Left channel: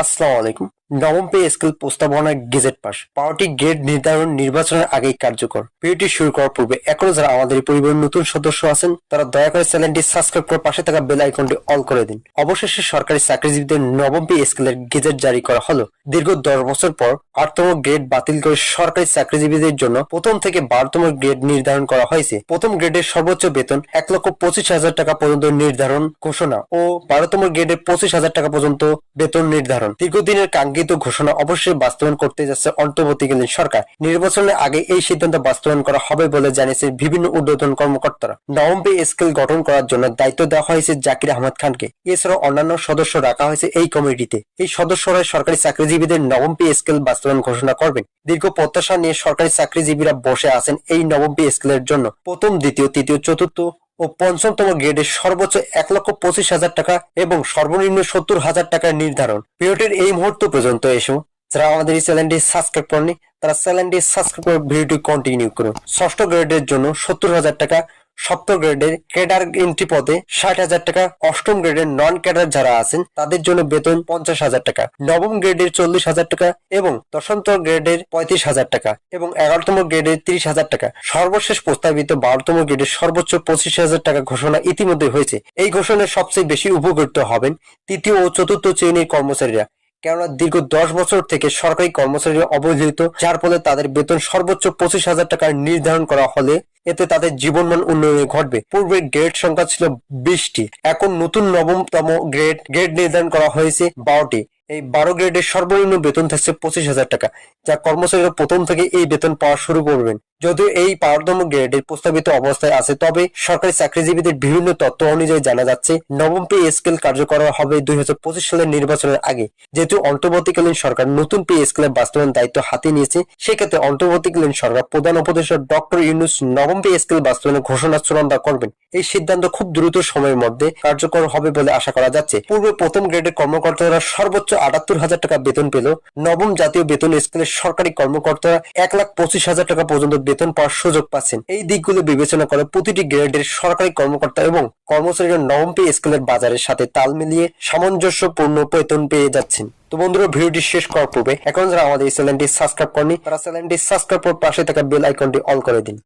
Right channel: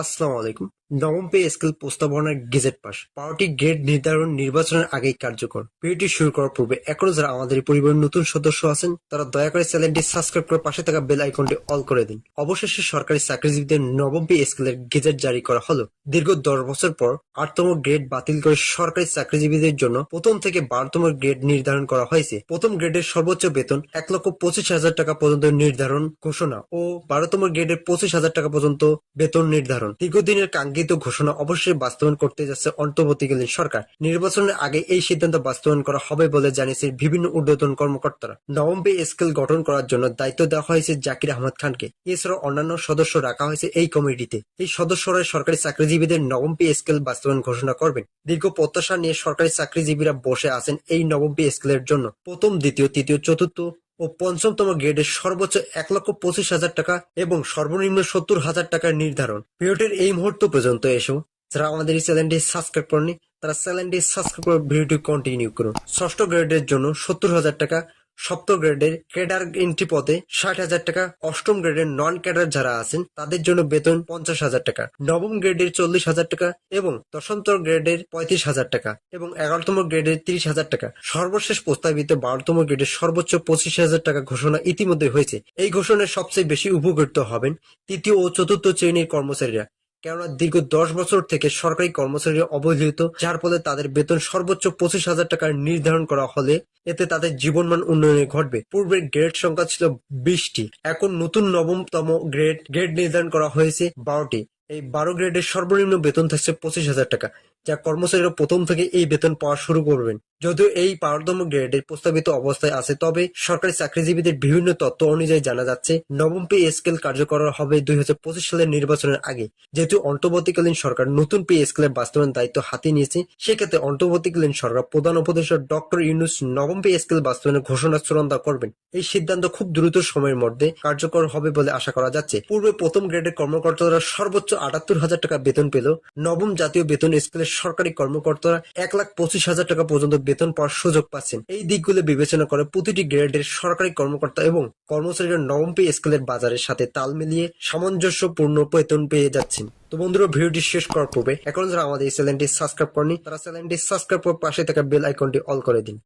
আসসালামু আলাইকুম। নবম পে স্কেল প্রস্তাবনা গেজেট পাস 12টি গ্রেড নির্ধারণ নির্বাচনের আগেই কার্যকর। ভিডিওটি শুরু করার পূর্বে এখনো যারা আমাদের এই পরিবারের নতুন সদস্য আছেন তারা দয়া করে চ্যানেলটি সাবস্ক্রাইব করে পাশে থাকা বেল আইকনটি অল করে দিন। অবশেষে সরকারি চাকরিজীবীদের নবম পে স্কেলের গেজেট জারি করা হলো। দীর্ঘ 10 বছর পর 8তম গ্রেড বাতিল করে সরকারি চাকরিজীবীদের জন্য প্রথম থেকে 12তম গ্রেড নির্ধারণ করা হয়েছে। প্রথম গ্রেডের সর্বোচ্চ বেতন 1,25,000 টাকা পর্যন্ত নির্ধারণ ঘোষণা ও 12তম গ্রেডের 25,000 টাকা পর্যন্ত বেতন নির্ধারণ। দীর্ঘদিনের কাঙ্ক্ষিত ঘোষণা অবশ্যই বাস্তবায়ন করতে যাচ্ছে অন্তর্বর্তীকালীন সরকার। নির্বাচনের আগে এই সিদ্ধান্ত বাস্তবায়ন করা হবে বলে জানিয়েছে বিভিন্ন ঊর্ধ্বতন কর্মকর্তারা। নবম পে স্কেল গঠন করার জন্য দায়িত্ব দেওয়া হয়েছে জাকির আহমদ খানকে। এছাড়াও অন্যান্য সদস্য রাখা হয়েছে এই কমিটিতে। এই সদস্যরা সরকারি চাকরিজীবীদের নবম পে স্কেল বাস্তবায়ন ঘোষণা করবেন। দীর্ঘ প্রত্যাশা নিয়ে সরকারি চাকরিজীবীরা বসে আছেন এই নবম পে স্কেলের জন্য। প্রথম, দ্বিতীয়, তৃতীয়, চতুর্থ ও পঞ্চমতম গ্রেডের সর্বোচ্চ 1,25,000 টাকা এবং সর্বনিম্ন 70,000 টাকা নির্ধারণ। ভিডিওটির এই মুহূর্ত পর্যন্ত এসো যারা আমাদের এই চ্যানেলটি সাবস্ক্রাইব করেনি তারা চ্যানেলটি সাবস্ক্রাইব করে ভিডিওটি কন্টিনিউ করুন। ষষ্ঠ গ্রেডের জন্য 70,000 টাকা, সপ্তম গ্রেডের ক্যাডার এন্ট্রি পদে 60,000 টাকা, অষ্টম গ্রেডের নন ক্যাডার যারা আছেন তাদের জন্য বেতন 50,000 টাকা, নবম গ্রেডের 40,000 টাকা এবং দশমতম গ্রেডের 35,000 টাকা এবং 11তম গ্রেডের 30,000 টাকা। সর্বশেষ প্রস্তাবিত 12তম গ্রেডের সর্বোচ্চ 25,000 টাকা ঘোষণা ইতিমধ্যে হয়েছে। এই ঘোষণায় সবচেয়ে বেশি উপকৃত হবেন তৃতীয় ও চতুর্থ শ্রেণীর কর্মচারীরা, কেননা দীর্ঘ 10 বছর থেকে সরকারি কর্মচারীরা অবহেলিত, যার ফলে তাদের বেতন সর্বোচ্চ 25,000 টাকা নির্ধারণ করা হলে এতে তাদের জীবনমান উন্নয়ন ঘটবে। পূর্বে গ্রেড সংখ্যা ছিল 20টি, এখন নতুন নবমতম গ্রেড নির্ধারণ করা হয়েছে 12টি। এই 12 গ্রেডের সর্বনিম্ন বেতন থাকছে 25,000 টাকা, যা কর্মচারীরা প্রথম থেকে এই বেতন পাওয়া শুরু করবেন। যদিও এই 12তম গ্রেডের প্রস্তাবিত অবস্থায় আছে, তবে সরকারি চাকরিজীবীদের বিভিন্ন তথ্য অনুযায়ী জানা যাচ্ছে নবম পে স্কেল কার্যকর হবে 2025 সালের নির্বাচনের আগে। যেহেতু অন্তর্বর্তীকালীন সরকার নতুন পে স্কেলের বাস্তবায়ন দায়িত্ব হাতে নিয়েছে, সেক্ষেত্রে অন্তর্বর্তীকালীন সরকার প্রধান উপদেষ্টা ডক্টর ইউনূস নবম পে স্কেল বাস্তবায়নের ঘোষণা চূড়ান্ত করবেন। এই সিদ্ধান্ত খুব দ্রুত সময়ের মধ্যে কার্যকর হবে বলে আশা করা যাচ্ছে। পূর্বে প্রথম গ্রেডের কর্মকর্তারা সর্বোচ্চ 78,000 টাকা বেতন পেল। নবম জাতীয় বেতন স্কেলের সরকারি কর্মকর্তারা 1,25,000 টাকা পর্যন্ত বেতন পাওয়ার সুযোগ পাচ্ছেন। এই দিকগুলো বিবেচনা করে প্রতিটি গ্রেডের সরকারি কর্মকর্তা এবং কর্মচারীরা নবম পে স্কেলের বাজারের সাথে তাল মিলিয়ে সামঞ্জস্যপূর্ণ বেতন পেয়ে যাচ্ছেন। তো বন্ধুরা, ভিডিওটি শেষ করার পূর্বে এখন যারা আমাদের এই চ্যানেলটি সাবস্ক্রাইব করেনি তারা চ্যানেলটি সাবস্ক্রাইব করে পাশে থাকা বেল আইকনটি অল করে দিন।